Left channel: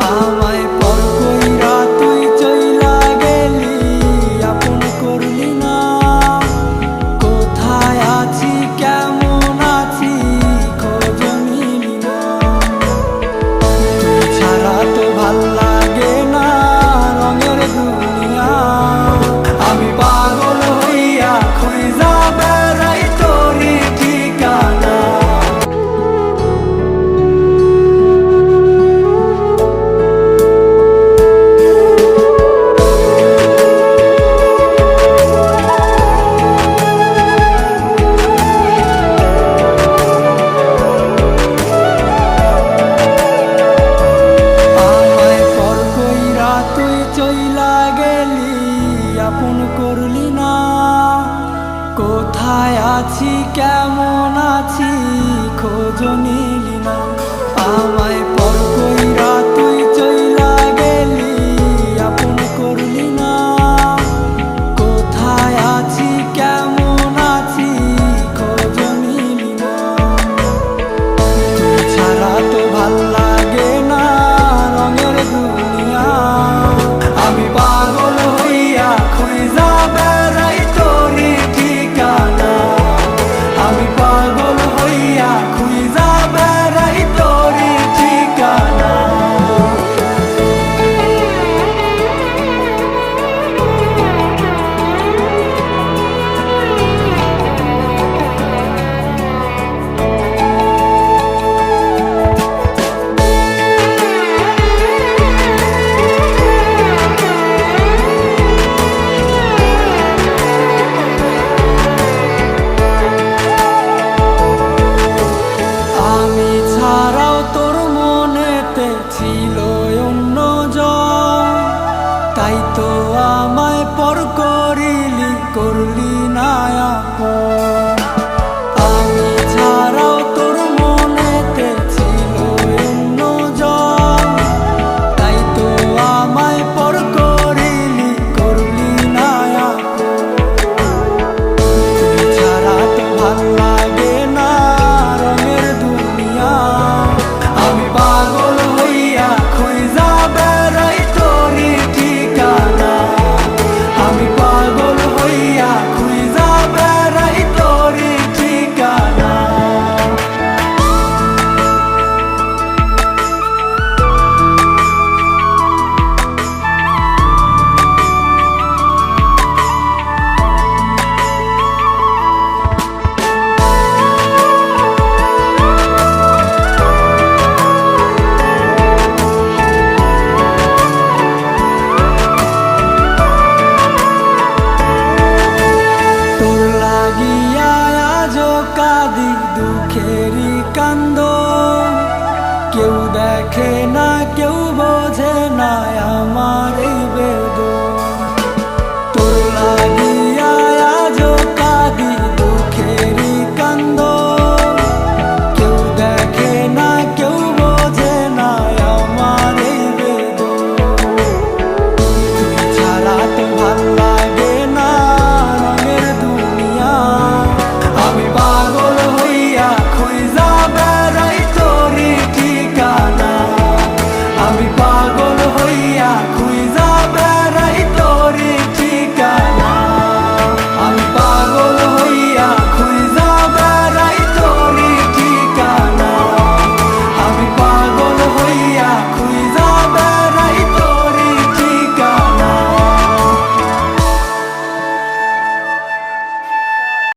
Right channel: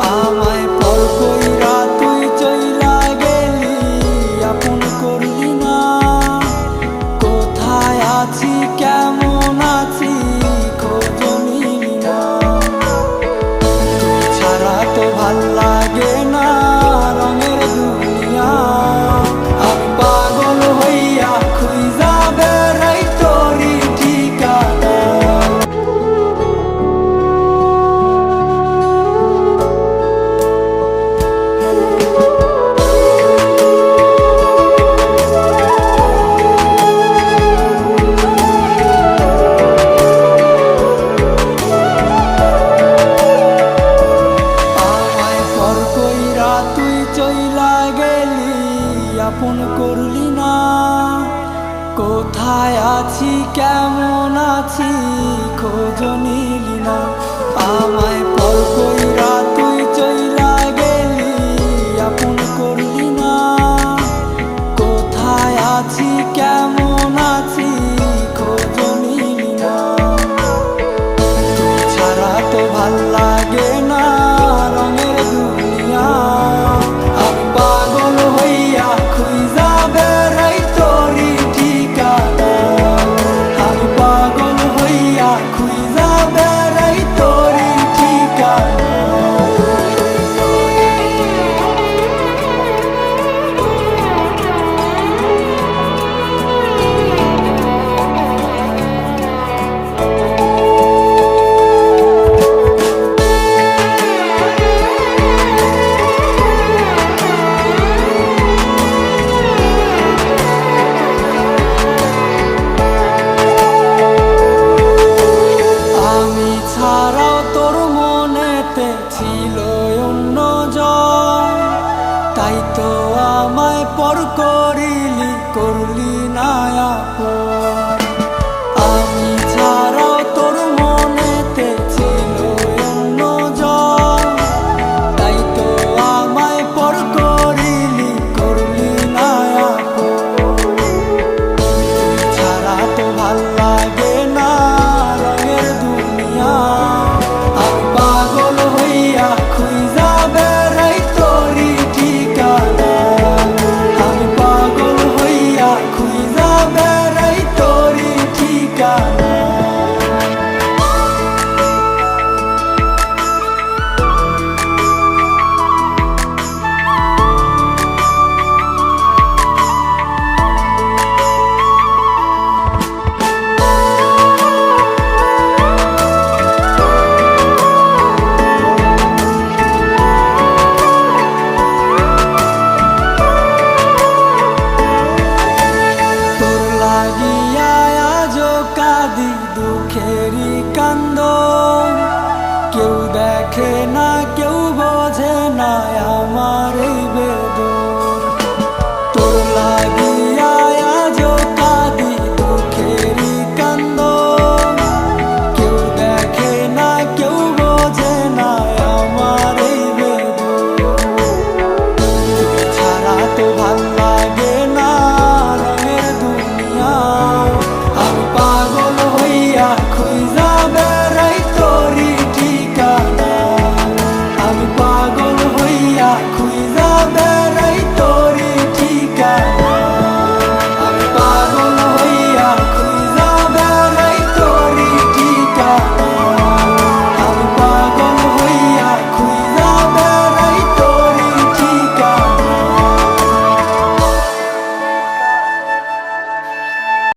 আমায় পর কইরা তুই চইলা গেলি, আপন করলি না। কোথায় আছি কেমন আছি খোঁজ নিলি না। তুই ছাড়া তো ভাল লাগে না রঙের দুনিয়া। আমি পাগল হইয়া খুঁজা বেড়াই তোরি ঠিকানা। তুই চইলা গেলি, আপন করলি না। কোথায় আছি কেমন আছি খোঁজ নিলি না। আমায় পর কইরা তুই চইলা গেলি, আপন করলি না। কোথায় আছি কেমন আছি খোঁজ নিলি না। তুই ছাড়া তো ভাল লাগে না রঙের দুনিয়া। আমি পাগল হইয়া খুঁজা বেড়াই তোরি ঠিকানা। আমি পাগল হইয়া খুঁজা বেড়াই তোরি ঠিকানা। আমি ছাড়াও তোর মনেতে ছিল অন্যজন, তাই তো আমায় পর করলি না আপন। আমি ছাড়াও তোর মনেতে ছিল অন্যজন, তাই তো আমায় পর করলি না আপন। তুই ছাড়া তো ভাল লাগে না রঙের দুনিয়া। আমি পাগল হইয়া খুঁজা বেড়াই তোরি ঠিকানা। আমি পাগল হইয়া খুঁজা বেড়াই তোরি ঠিকানা। লাগিয়া আজো কাঁদি দুঃখেরই কান্দন। কেউ দেখে না কেউ বোঝে না আমার এই বেদন। তোর লাগিয়া আজো কাঁদি দুঃখেরই কান্দন। কেউ দেখে না কেউ বোঝে না আমার এই বেদন। তুই ছাড়া তো ভাল লাগে না রঙের দুনিয়া। আমি পাগল হইয়া খুঁজা বেড়াই তোরি ঠিকানা। আমি পাগল হইয়া খুঁজা বেড়াই তোরি